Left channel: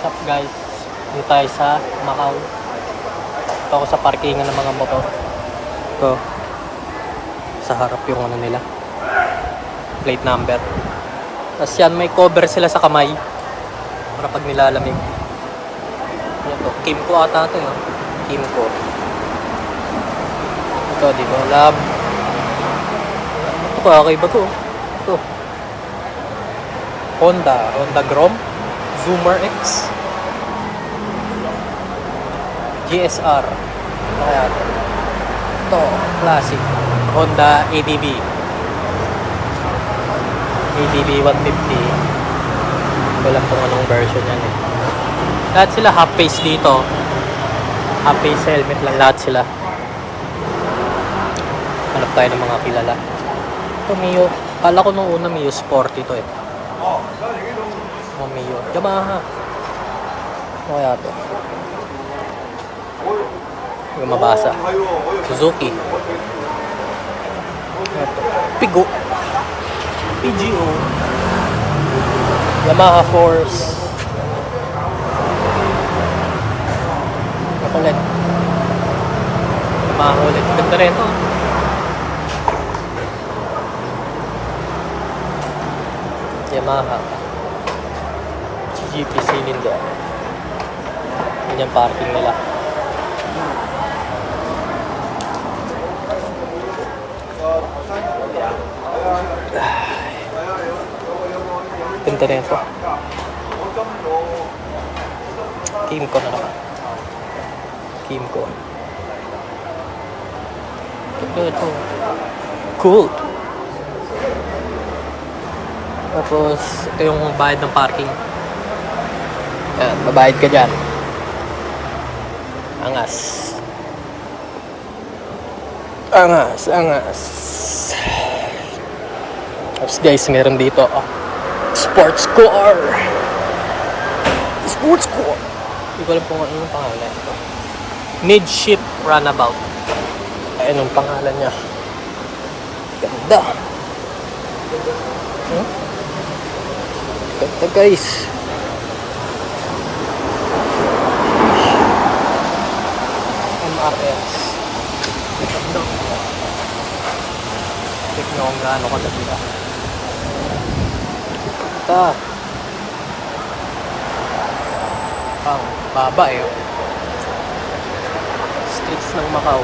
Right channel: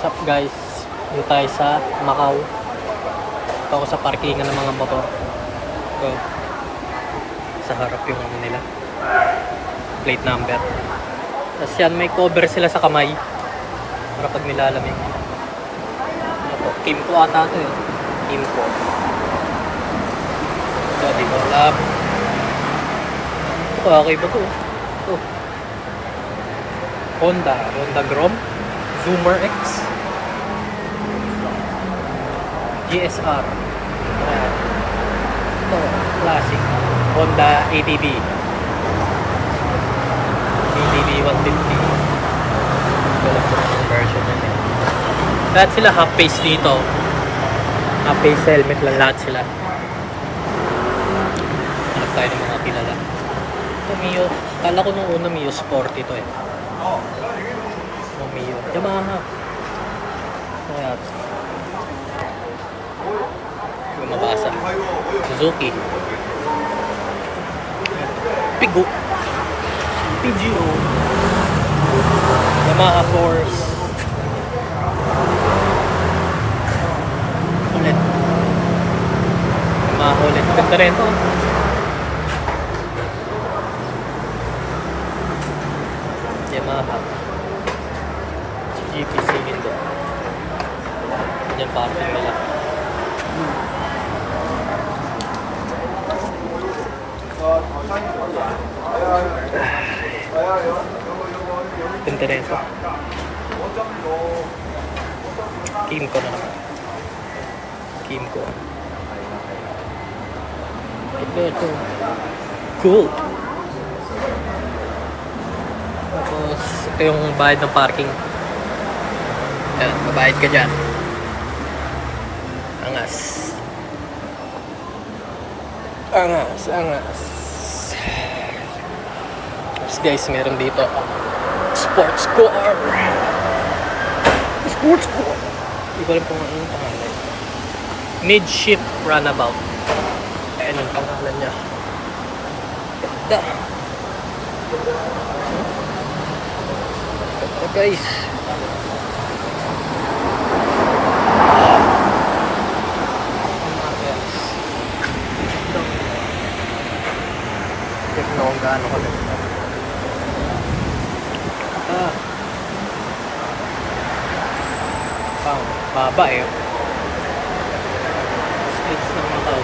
Sup guys, dito tayo sa Macau. Ito ako sa parkingan ng mga motor. Ito, sa harap yung ano nila, plate number. Tapos yan, may cover sila sa kamay para pag nilalamig. Ano to? Kimco ata ito yun. Kimco. Ito, di ko alam. Ito pa, okay ba ito? Ito. Honda Grom Zoomer X GSR. Ito kaya ito. Ito, classic Honda ADV 150. Wala ko anong version yan. Lahat sila half face dito. Half face helmet lang lahat sila. Hanap tayo ng mga kilala. Ito Mio. Kala ko nung una Mio Sport ito eh. Mio. Yamaha. O kaya ito. Hindi ko mabasa. Suzuki. Ito. Pigo. PGO. Yamaha Force. Ulit. Yamaha ulit. Ganda rin ito. Yamaha GP cylinder. Yan yung parting nila. Punta na ito. Kimco na naman. Kimco. Ito. Cool. Tapos, ito yung bayad ng parking. Yan, mabayad ka dyan. Angas. Tapos guys, meron dito sports car. Hindi ko alam kung ano yung pangalan. Mid-shift runabout. Ayan yung pangalan niya. Ganda. Ganda guys. Ganda. Check nyo kung gaano kaganda. Ganda. Pang baba eh. Streets ng Macau.